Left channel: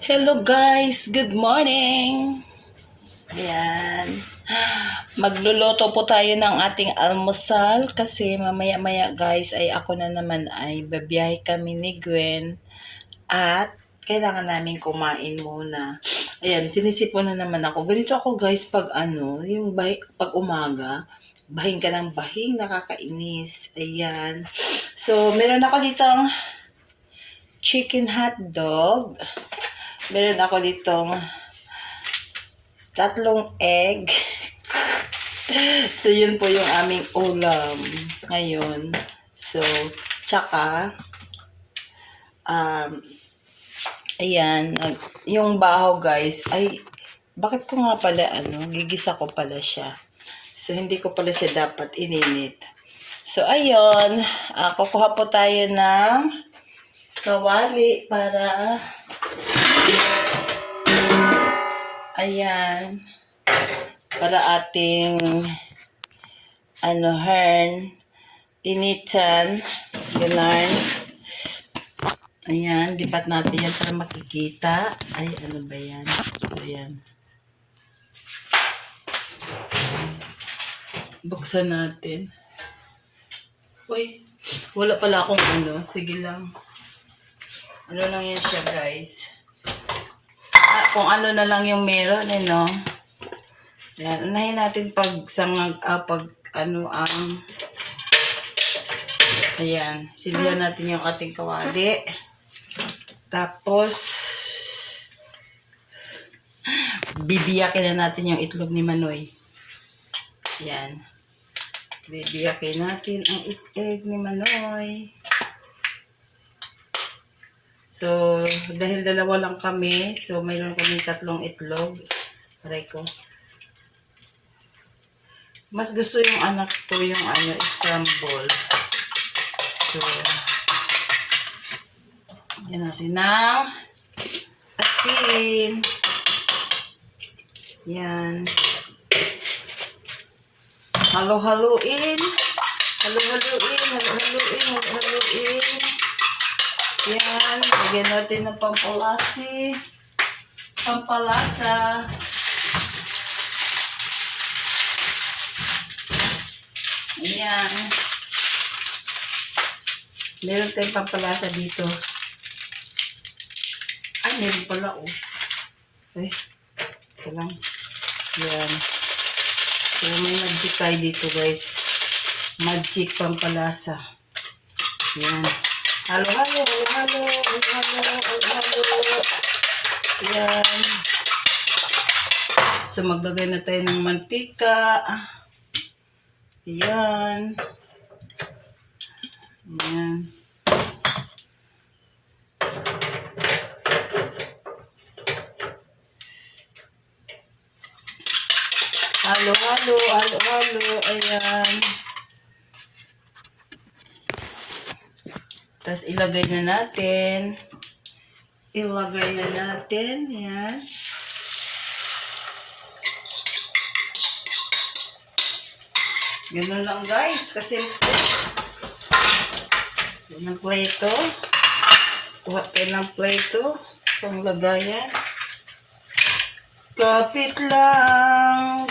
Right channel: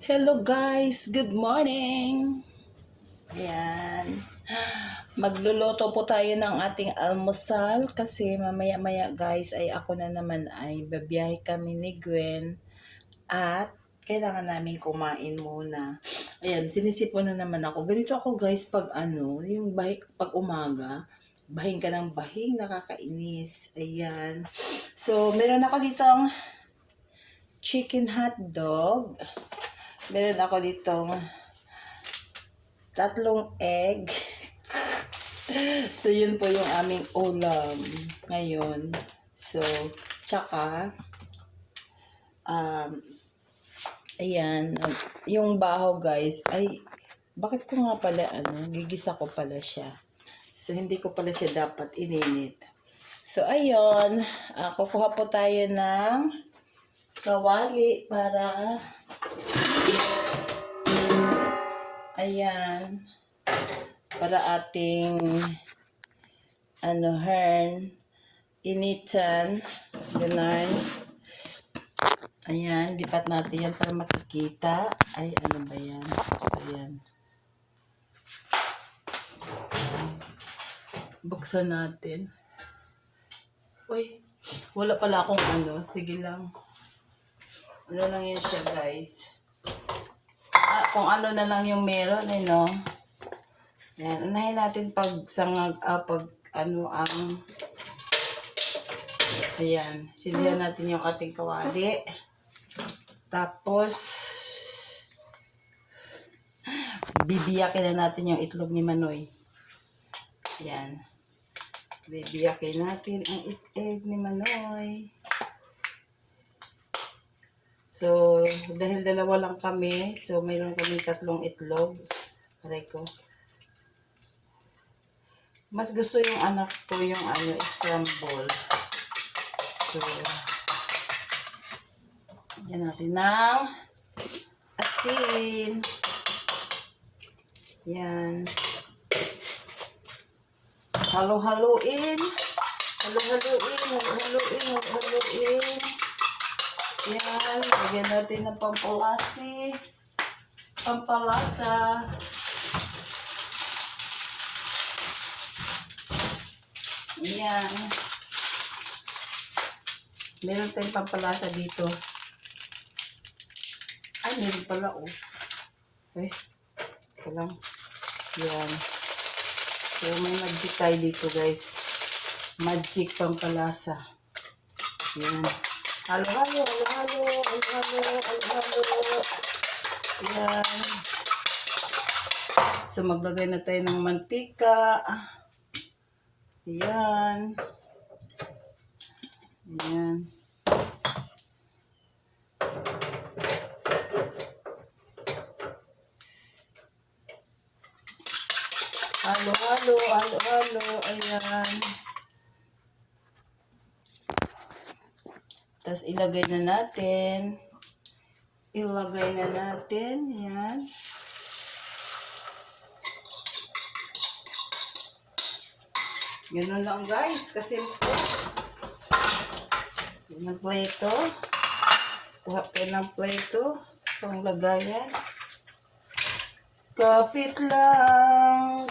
Hello guys, good morning. Ayan. Magluluto po tayo ng ating almusal kasi mamaya-maya guys ay ako na naman ay babiyahe kami ni Gwen at kailangan namin kumain muna. Ayan, sinisipon na naman ako. Ganito ako guys pag pag umaga, bahing ka ng bahing, nakakainis. Ayan. So, meron ako ditong chicken hotdog. Meron ako ditong 3 egg. So, yun po yung aming ulam ngayon. So, tsaka, ayan, yung bahaw guys, ay, bakit ko nga pala, gigisa ko pala siya. So, hindi ko pala siya dapat ininit. So, ayun, kukuha po tayo ng kawali para, ayan, para ating initan, gano'n. Ayan, dipat natin yan para makikita. Ay, ano ba yan? Ayan. Buksan natin. Uy, wala pala akong Sige lang. Ano lang yan siya, guys. Kung ano na lang yung meron, no? Ayan, unahin natin ayan, silihan natin yung ating kawali. Tapos, bibiyakin na natin yung itlog ni Manoy. Ayan. Bibiyakin natin ang egg ni Manoy. So, dahil dalawa lang kami, so mayroon kaming 3 itlog. Try ko. Mas gusto yung anak ko yung scramble. So, yan natin ng asin. Yan. Halo-haluin. Halo-haluin. Yan. Lagyan natin ng pampalasa. Ayan. Meron tayong pampalasa dito. Ay, meron pala, Ay, ito lang. Yan. So, may magic tayo dito, guys. Magic pampalasa. Yan. Halo. Yan. So, maglagay na tayo ng mantika. Ayan. Ayan. Halo. Ayan. Tapos ilagay na natin. Ayan. Ganun lang guys, kasi ng plato. Kuha tayo ng plato. Panglagayan. Kapit lang.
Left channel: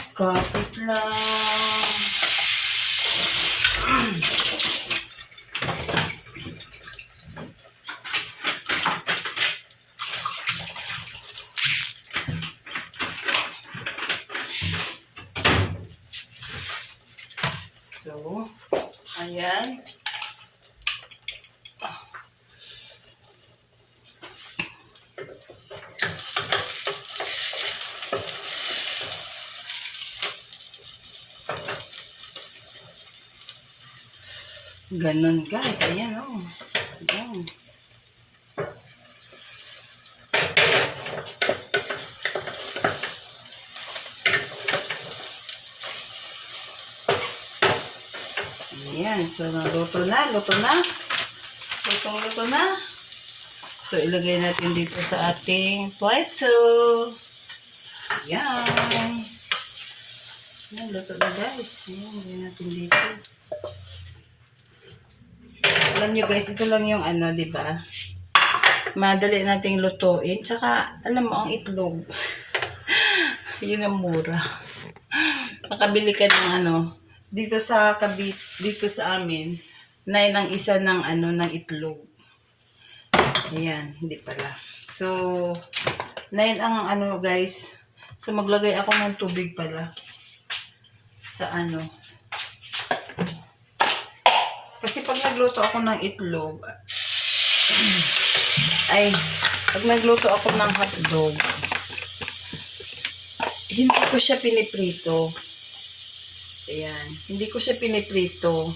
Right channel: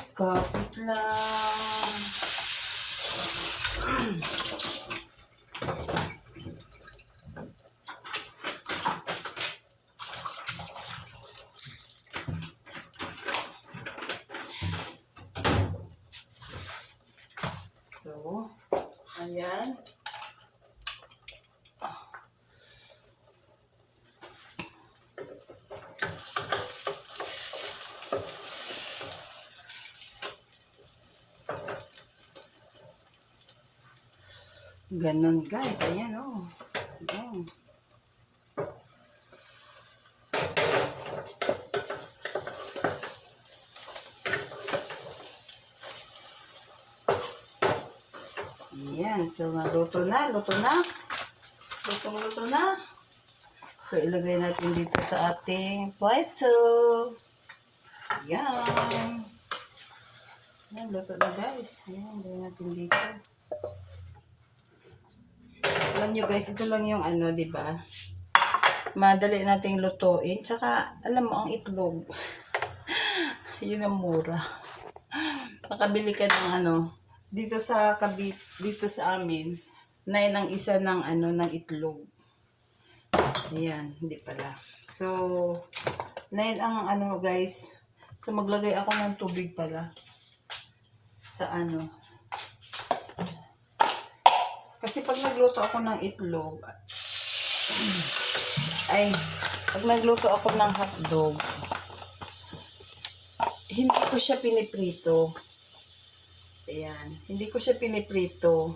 So, ayan. Ganon guys, ayan Ayan. Ayan, so luto na. Luto na. So, ilagay natin dito sa ating plato. Ayan. Ayan, luto na guys. Ayan, ilagay natin dito. Alam nyo guys, ito lang yung diba? Madali nating lutuin. Tsaka, alam mo, ang itlog. Yun ang mura. Makabili ka ng dito sa dito sa amin, 9 ang isa ng ng itlog. Ayan, hindi pala. So, 9 ang guys. So, maglagay ako ng tubig pala. Sa Kasi pag nagluto ako ng itlog, pag nagluto ako ng hotdog, hindi ko siya piniprito. Ayan, hindi ko siya piniprito.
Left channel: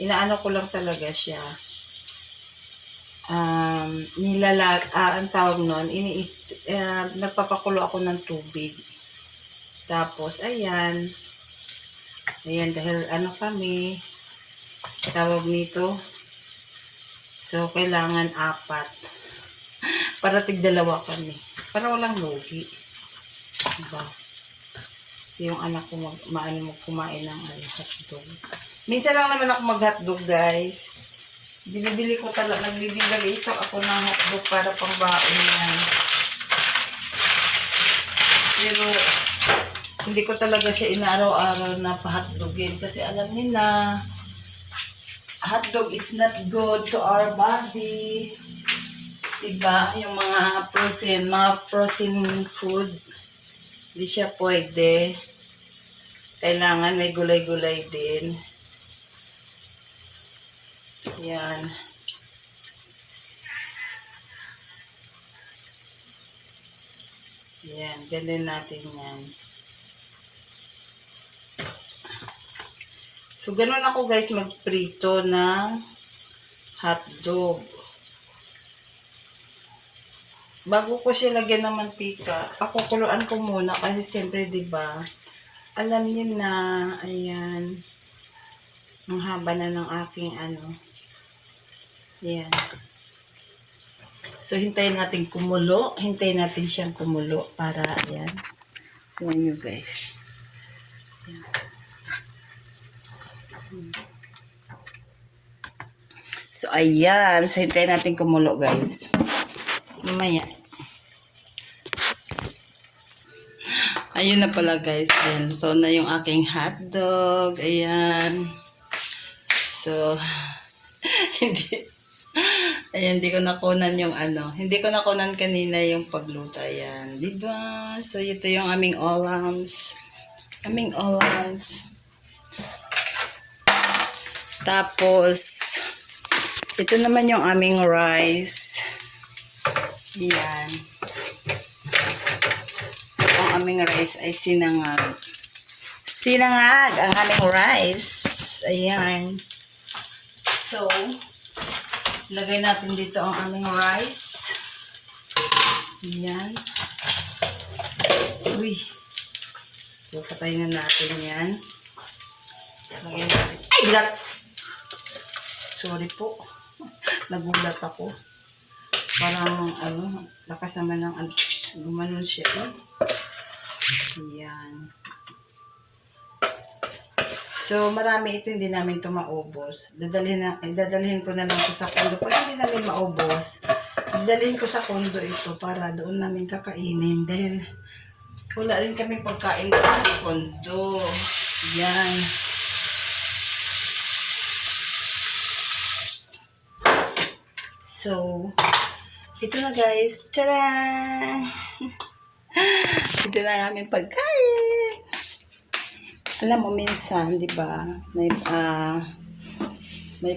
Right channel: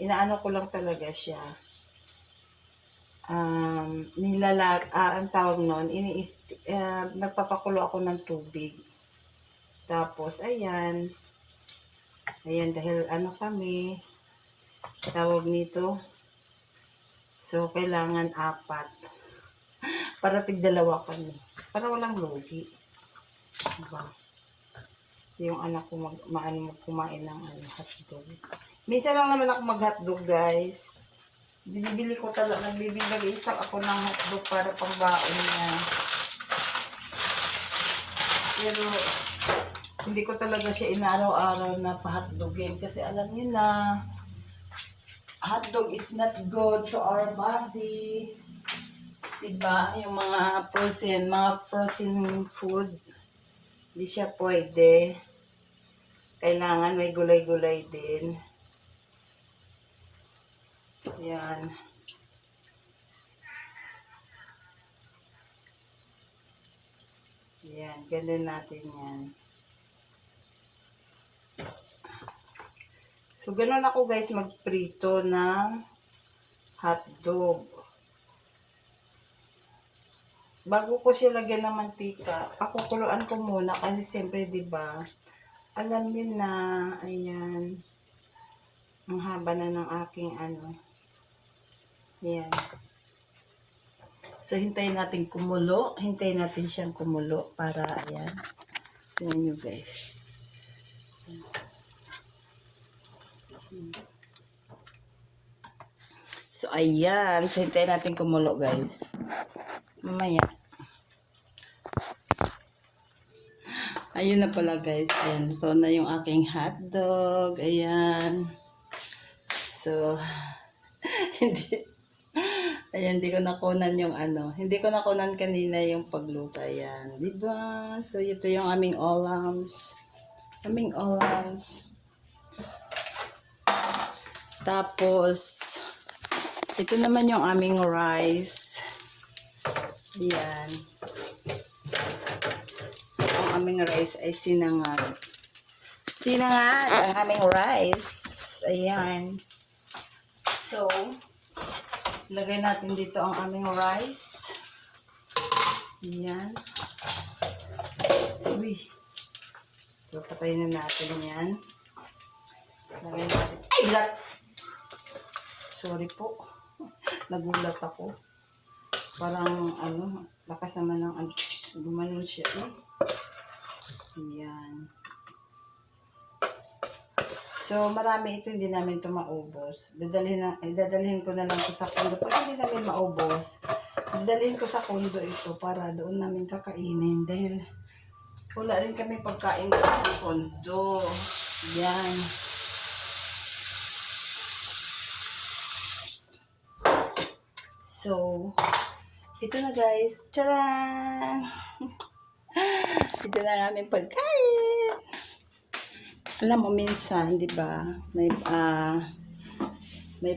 Inaano ko lang talaga siya. Ang tawag nun, nagpapakulo ako ng tubig. Tapos, ayan, dahil kami, tawag nito, so, kailangan 4. Para tig-2 kami. Para walang lugi. Diba? Kasi yung anak ko kumain ng hotdog. Minsan lang naman ako mag-hotdog, guys. Nagbibigay-stock ako ng hotdog para pang-baon niya. Pero, hindi ko talaga siya inaaraw-araw na pa-hotdogin. Kasi alam niyo na, hotdog is not good to our body. Diba? Yung mga frozen food, hindi siya pwede. Kailangan may gulay-gulay din. Yan. Yan, ganun natin yan. So, ganun ako guys magprito ng hotdog. Bago ko siya lagyan ng mantika, pakukuluan ko muna kasi siyempre, diba, alam niyo na, ayan, ang haba na ng aking yan. So, hintayin natin kumulo. Hintayin natin siyang kumulo para, ayan. Tingnan nyo, guys. Ayan. So, ayan. So, hintayin natin kumulo, guys. Mamaya. Ayun na pala, guys. Ayan. Luto na yung aking hotdog. Ayan. So, hindi ko nakunan yung hindi ko nakunan kanina yung pagluto. Ayan, diba? So, ito yung aming olams. Tapos, ito naman yung aming rice. Ayan. Ang aming rice ay sinangag. Sinangag ang aming rice. Ayan. So, lagay natin dito ang aming rice. Ayan. Uy. So, patayin na natin yan. Lagay natin. Ay, gulat! Sorry po. Nagulat ako. Parang, lakas naman ng gumanon siya. Ayan. So, marami ito, hindi namin ito maubos. Dadalhin ko na lang ito sa kondo. Pag hindi namin maubos, dadalhin ko sa kondo ito para doon namin kakainin. Dahil wala rin kami pagkain sa kondo. Yan. So, ito na guys. Tcharam! Ito na ang aming pagkain. Alam mo, minsan, di ba, may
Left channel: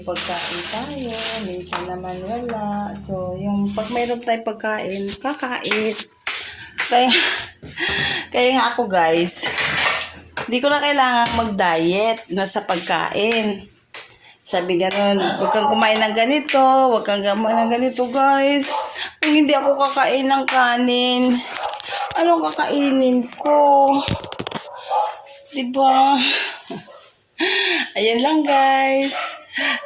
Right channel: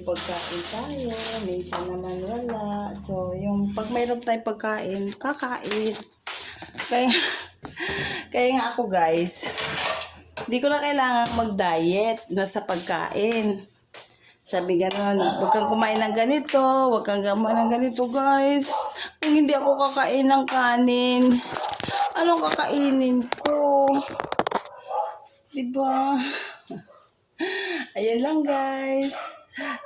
pagkain tayo, minsan naman wala. So, yung pag mayroon tayong pagkain, kakain. Kaya nga ako, guys, hindi ko na kailangan mag-diet na sa pagkain. Sabi gano'n, huwag kang kumain ng ganito, huwag kang kumain ng ganito, guys. Kung hindi ako kakain ng kanin, anong kakainin ko? Diba? Ayan lang guys.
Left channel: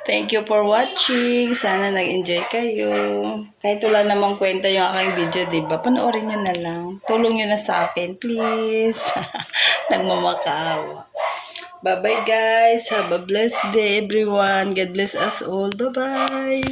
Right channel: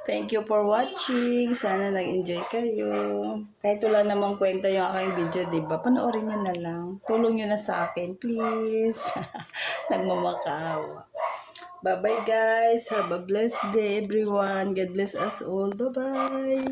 Thank you for watching. Sana nag-enjoy kayo. Kahit wala namang kwenta yung aking video, diba? Panoorin nyo na lang. Tulong nyo na sa akin, please. Nagmamakaawa. Bye-bye guys. Have a blessed day everyone. God bless us all. Bye-bye.